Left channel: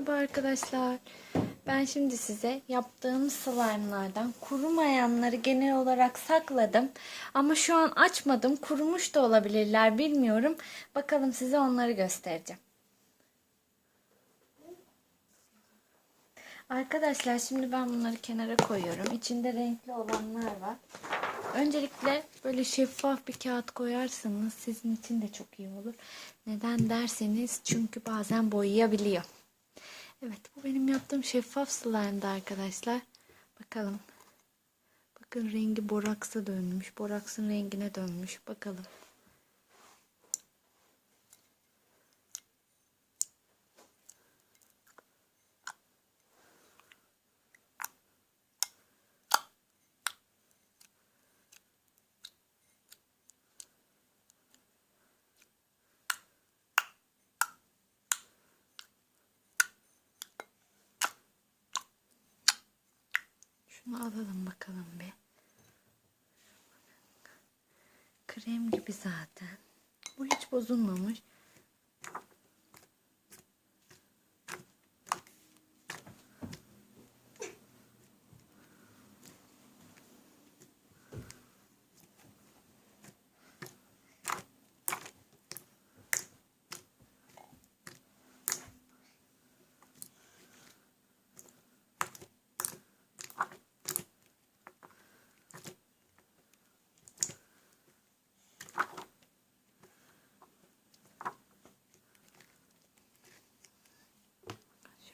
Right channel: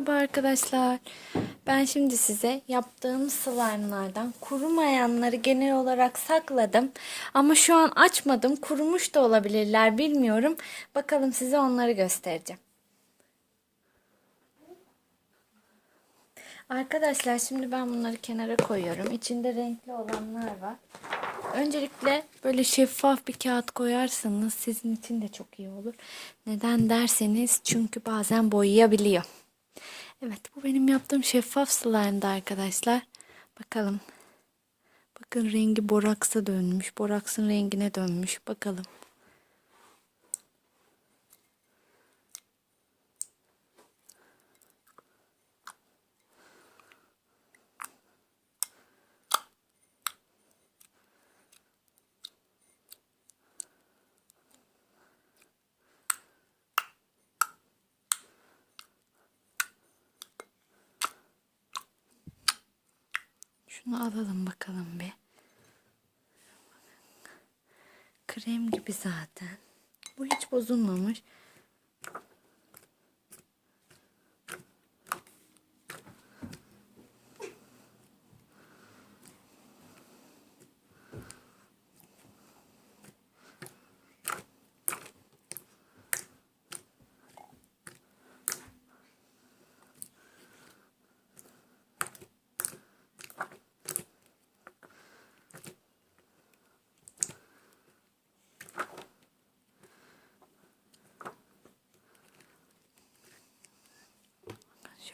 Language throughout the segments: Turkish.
Merhaba arkadaşlar. Ben şimdi size yaptığım slime'lardan kurumayanları genel olarak sakladım. Ama şu an açmadım. Kurumuş da olabilirler bilmiyorum. Bakalım size onları göstereceğim. Arkadaşlar şimdi ben bunları kenara koyuyorum. İçinde renkli olanlar var. Öncelikle böyle şeffaf bir kağıt koyarsanız sizin için de çok iyi olur. Neden derseniz çünkü bazen boyayabiliyor. Evet bu benim yaptığım şeffaf slime'dı arkadaşlar. Bakalım. Bakın rengi boraksa dönmüş. Boraksın rengine dönmüş. Bakalım. Şunu alalım bakalım bir. Krem gibi zaten. Bu hiç bozulmamış.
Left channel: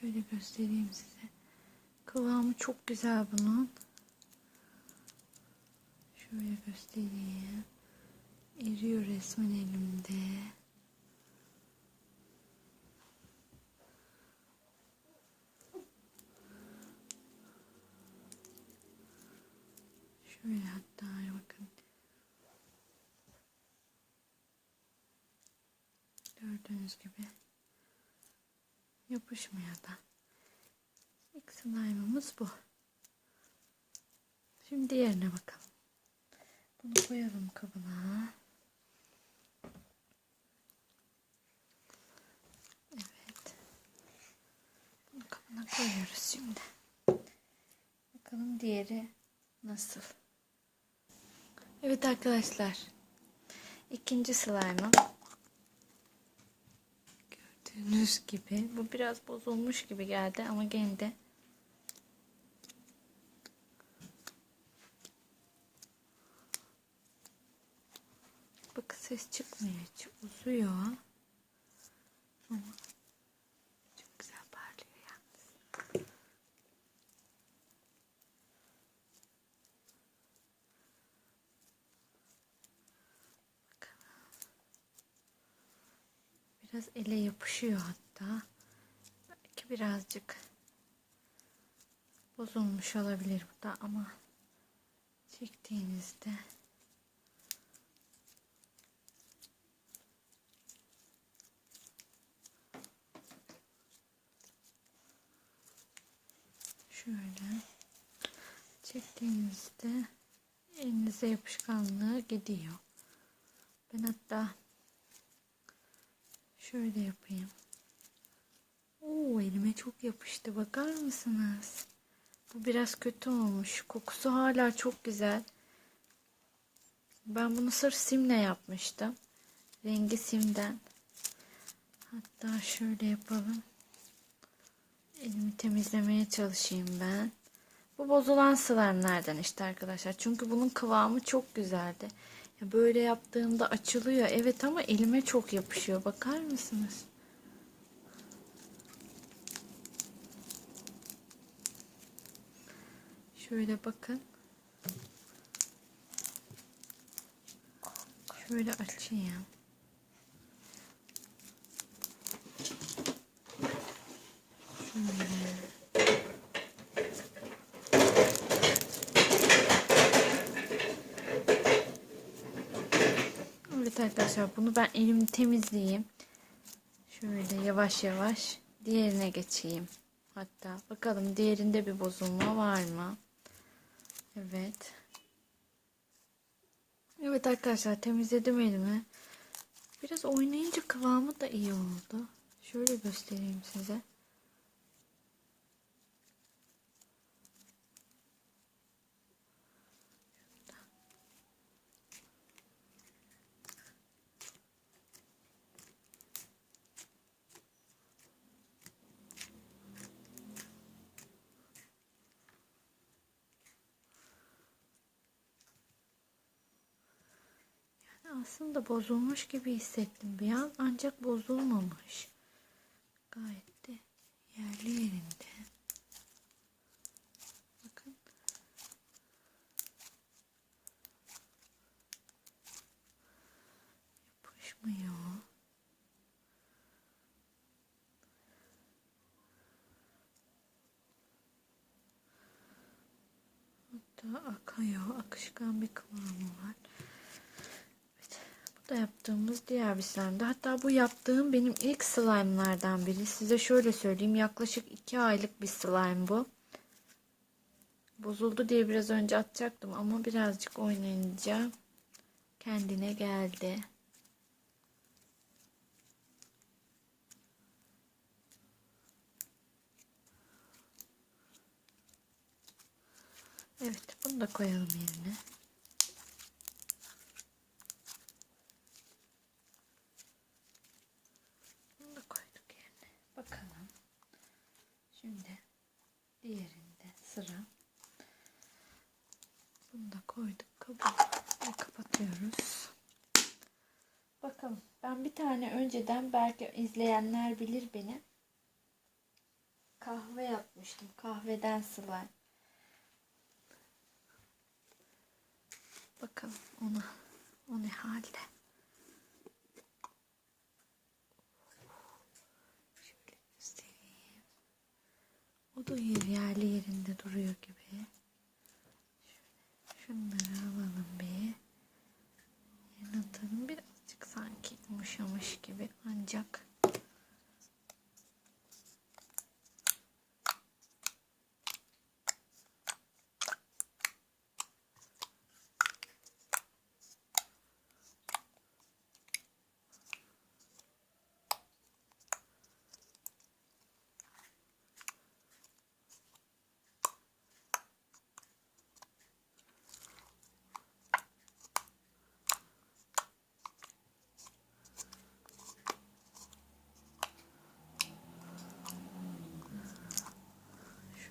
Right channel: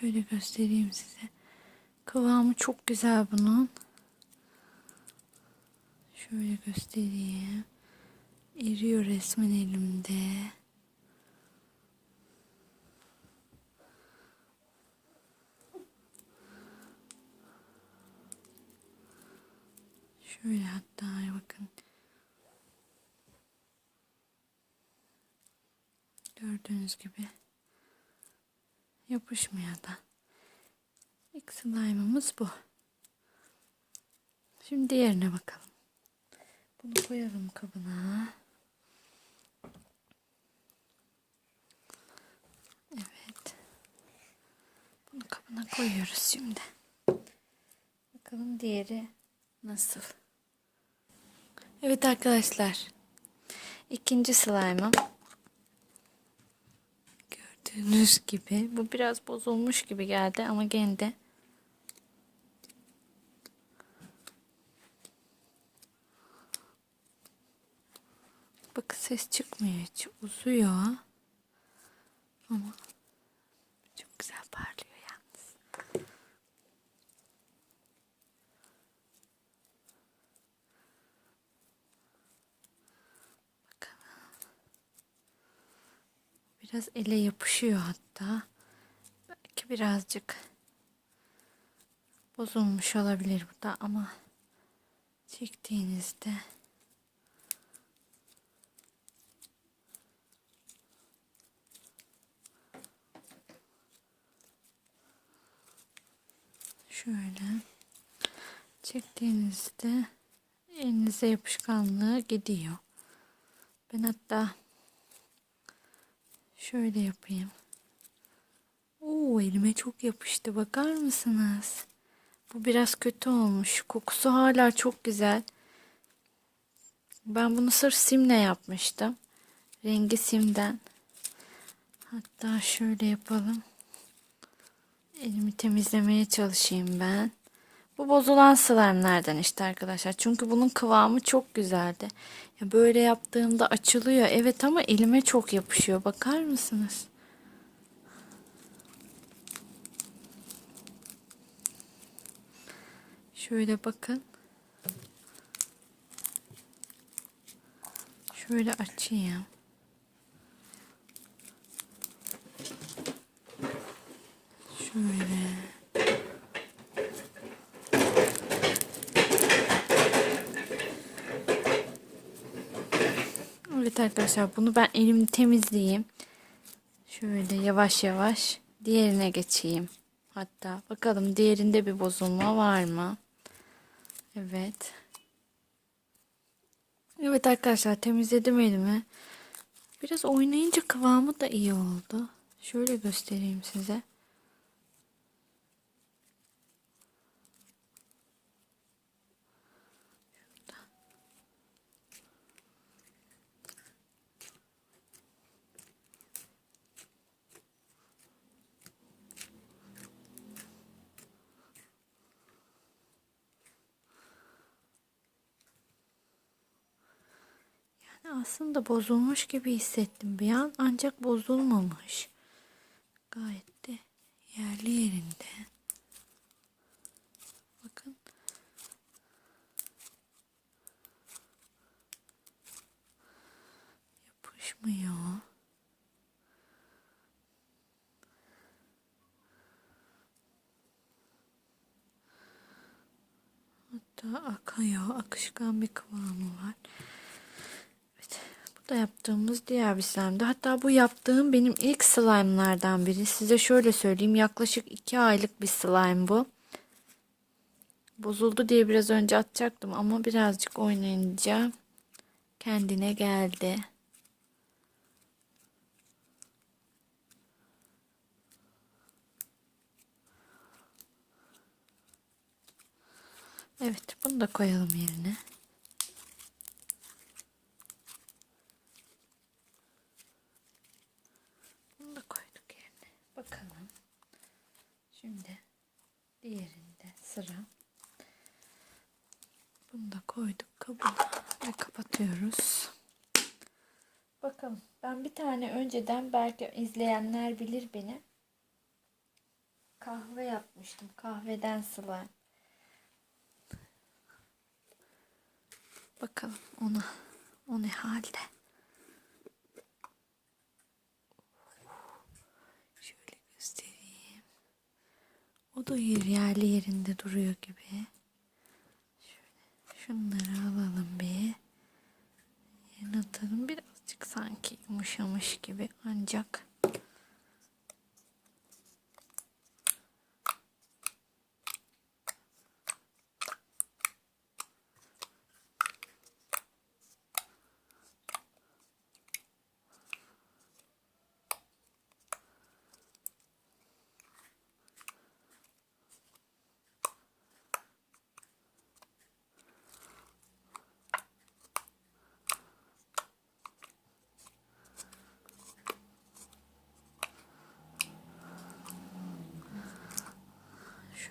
Şöyle göstereyim size. Kıvamı çok güzel bunun. Şöyle göstereyim. Eriyor resmen elimde. Şöyle hatta bakın. Gördüğünüz gibi yapışmıyor da. İlk slime'ımız bu. Şimdi diğerine bakalım. Bunu koyalım kabına. Evet. Bunu kabına koyuyoruz şimdi. Bakalım diğeri nasıl? Evet arkadaşlar. İkinci slime'ım. Gördüğünüz gibi bu biraz bozulmuş gibi geldi ama gene de Bak ses çıkmıyor hiç. Uzuyor. Ama çok güzel parlıyor yalnız. Biraz ele yapışıyor hatta. Belki birazcık bozulmuş olabilir bu da ama çektiğinizde Şöyle çektiğinizde elinize yapışkanlığı gidiyor. Ben hatta şöyle yapayım. Oo elime çok yapıştı. Bakar mısınız? Bu biraz kötü olmuş. Kokusu hala çok güzel. Ben bunu sırf simle yapmıştım. Rengi simden. Hatta şöyle yapalım. Elimi temizlemeye çalışayım ben. Bu bozulan slime'lerden işte arkadaşlar. Çünkü bunun kıvamı çok güzeldi. Ya böyle yaptığımda açılıyor. Evet ama elime çok yapışıyor. Bakar mısınız? Şöyle bakın. Şöyle açayım. Şöyle. Evet arkadaşlar bunu ben elimi temizleyeyim. Şöyle yavaş yavaş diğerine geçeyim. Hatta bakalım diğerinde bir bozulma var mı? Evet. Evet arkadaşlar temizledim elimi. Biraz oynayınca kıvamı da iyi oldu. Şöyle göstereyim size. Aslında bozulmuş gibi hissettim bir an ancak bozulmamış. Gayet de yerli yerinde. Bakın. Yapışmıyor. Hatta akıyor. Akışkan bir kıvamı var. Da yaptığımız diğer bir slime'dı. Hatta bu yaptığım benim ilk slime'lardan biri. Size şöyle söyleyeyim. Yaklaşık 2 aylık bir slime bu. Bozuldu diye biraz önce atacaktım ama birazcık oynayınca kendine geldi. Evet, bunu da koyalım yerine. Bunu da koyduk yerine. Bakalım. Şimdi diğerinde sıra. Bunu da koyduk kabına ve kapatıyoruz. Bakalım. Ben bir tane önceden belki izleyenler bilir beni. Kahve yapmıştım. Kahveden slime. Bakalım ona o ne halde. Şöyle göstereyim. O da yer yerli yerinde duruyor gibi. Şöyle şunları alalım bir. Yerine atalım. Birazcık sanki yumuşamış gibi ancak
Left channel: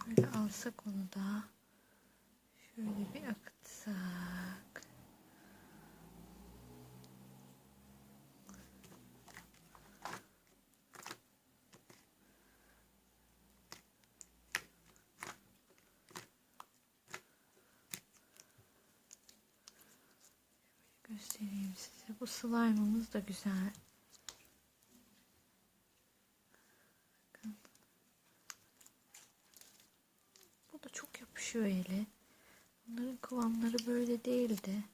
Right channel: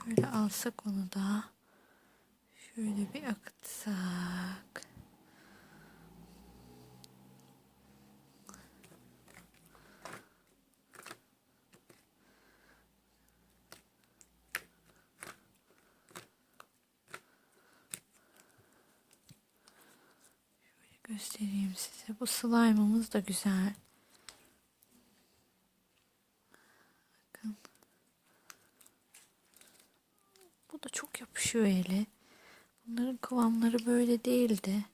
Şöyle alsak onu da. Şöyle bir akıtsak. Şöyle göstereyim size. Bu slime'ımız da güzel. Bakın. Bu da ele. Bunların kıvamları böyle değildi.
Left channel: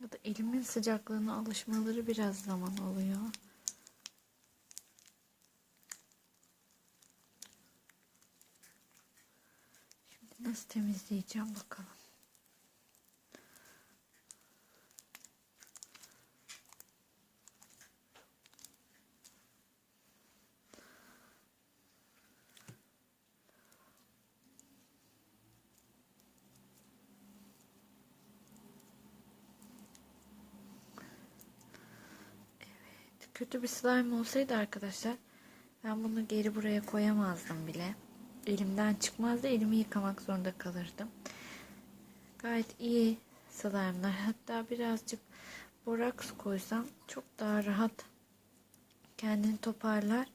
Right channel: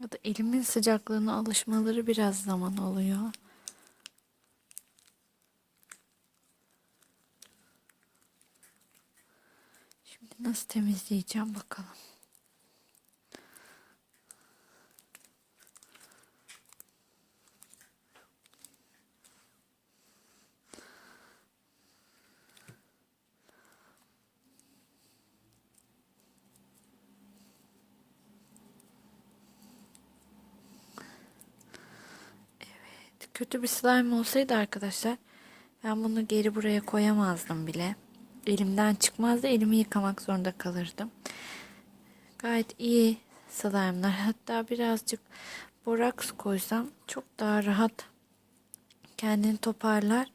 Ya da elimin sıcaklığına alışmaları biraz zaman oluyor. Şimdi nasıl temizleyeceğim bakalım. Kötü bir slime olsaydı arkadaşlar ben bunu geri buraya koyamazdım bile. Elimden çıkmazdı. Elimi yıkamak zorunda kalırdım. Gayet iyi slime'lar. Hatta birazcık boraks koysam çok daha rahat kendini toparlar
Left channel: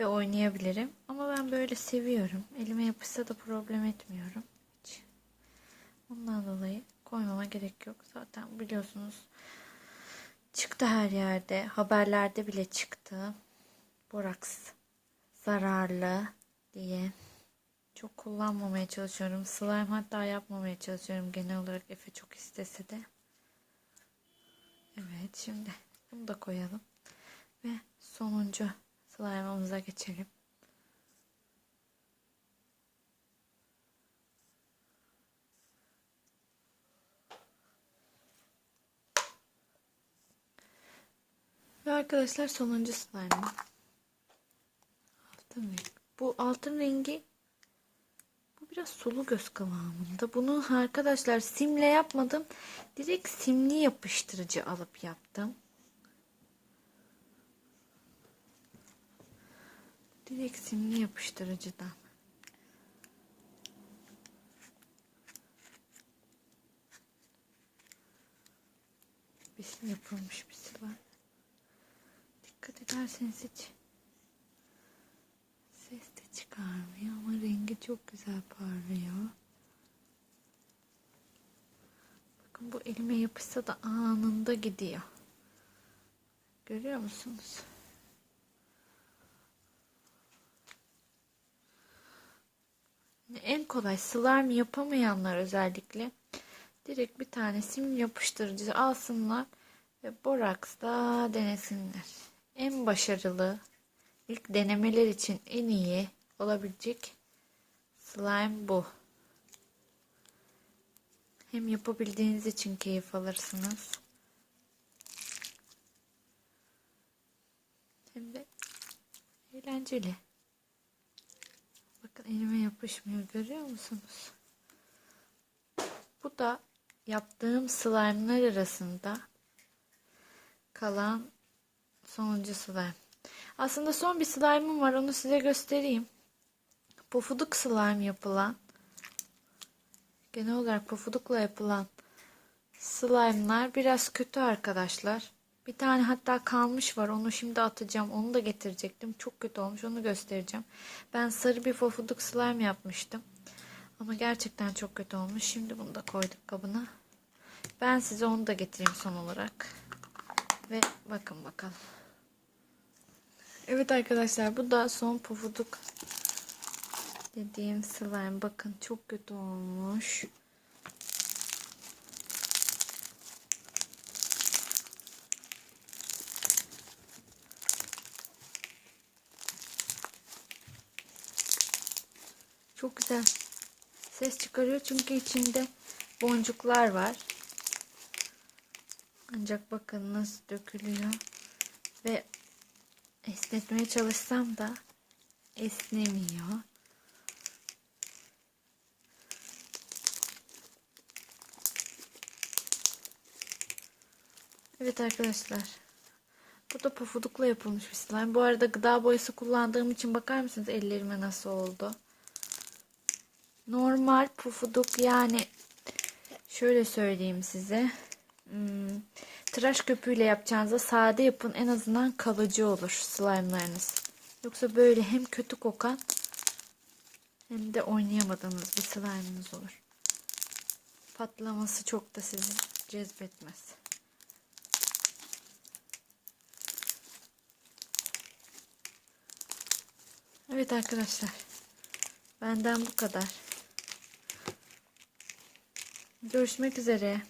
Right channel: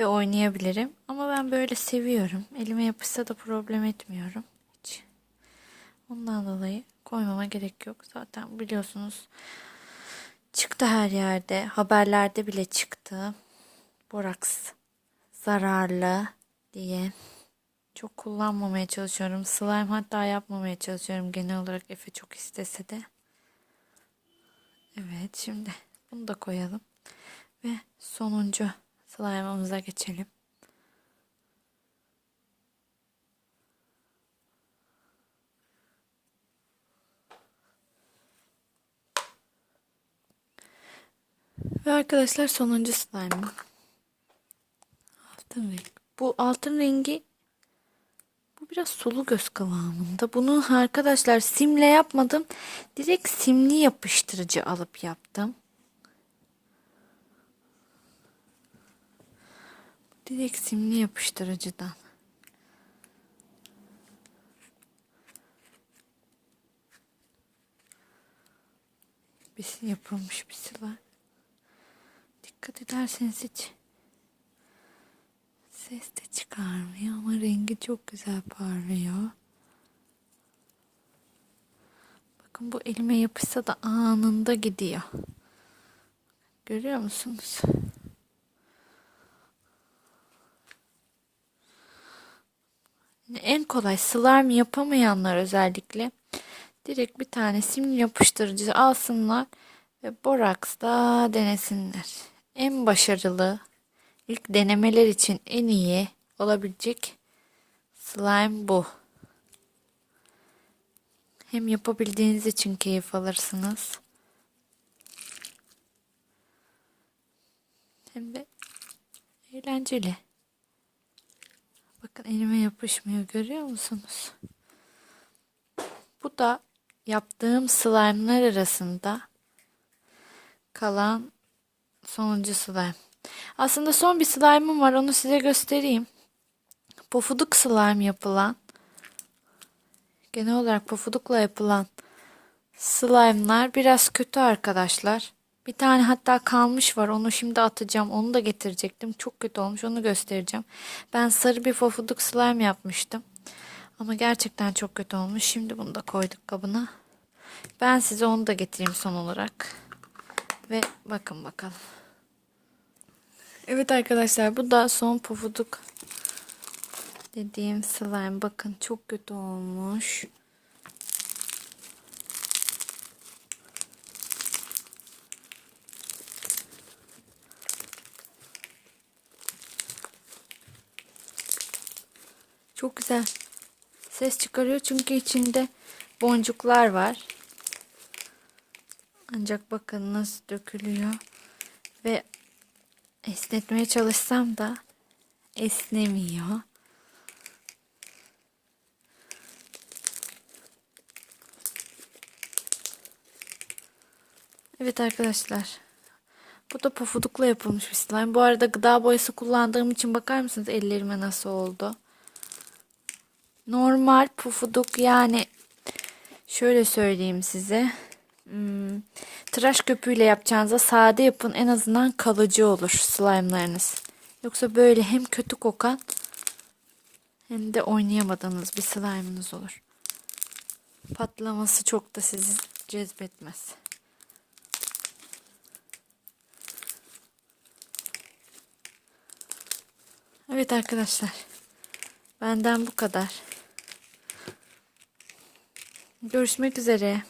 ve oynayabilirim. Ama ben böyle seviyorum. Elime yapışsa da problem etmiyorum. Hiç. Ondan dolayı koymama gerek yok. Zaten biliyorsunuz Çıktı her yerde. Haberlerde bile çıktı. Boraks zararlı diye. Çok kullanmamaya çalışıyorum. Slime hatta yapmamaya çalışıyorum. Genel olarak Efe çok istese de. Evet şimdi bunu da koyalım. Ve sonuncu slime'ımıza geçelim. Ve arkadaşlar sonuncu slime'ım. Altın rengi. Bu altın rengi bu biraz sulu göz kıvamında. Bunu arkadaşlar simle yapmadım. Direkt simli yapıştırıcı alıp yaptım. Direkt simli yapıştırıcıdan. Bir yapılmış bir slime. Dikkat ederseniz hiç ses de çıkarmıyor ama rengi çok güzel parlıyor. Bakın bu elime yapışsa da anında gidiyor. Görüyor musunuz? En kolay slime yapamayanlar özellikle direkt bir tane sim yapıştırıcı alsınlar ve boraksla denesinler. En başarılı ilk denemeler için en iyi olabilecek slime bu. Hem yapabildiğiniz için keyif alırsınız. Hem de eğlenceli. Bakın elime yapışmıyor görüyor musunuz? Bu da yaptığım slime'lar arasında kalan sonuncu slime. Aslında son bir slime'ım var onu size göstereyim. Pofuduk slime yapılan genel olarak pofudukla yapılan slime'lar biraz kötü arkadaşlar. Bir tane hatta kalmış var. Onu şimdi atacağım. Onu da getirecektim. Çok kötü olmuş. Onu göstereceğim. Ben sarı bir pofuduk slime yapmıştım. Ama gerçekten çok kötü olmuş. Şimdi bunu da koyduk kabına. Ben size onu da getireyim son olarak. Ve bakın bakalım. Evet arkadaşlar bu da son pofuduk dediğim slime. Bakın çok kötü olmuş. Çok güzel. Ses çıkarıyor çünkü içinde boncuklar var. Ancak bakın nasıl dökülüyor. Ve esnetmeye çalışsam da esnemiyor. Evet arkadaşlar. Bu da pofudukla yapılmış bir slime. Bu arada gıda boyası kullandığım için bakar mısınız ellerime nasıl oldu? Normal pufuduk yani şöyle söyleyeyim size. Hmm, tıraş köpüğüyle yapacağınıza sade yapın en azından kalıcı olur slime'larınız. Yoksa böyle hem kötü kokan hem de oynayamadığınız bir slime'ınız olur. Patlaması çok da sizi cezbetmez. Evet arkadaşlar. Benden bu kadar. Görüşmek üzere.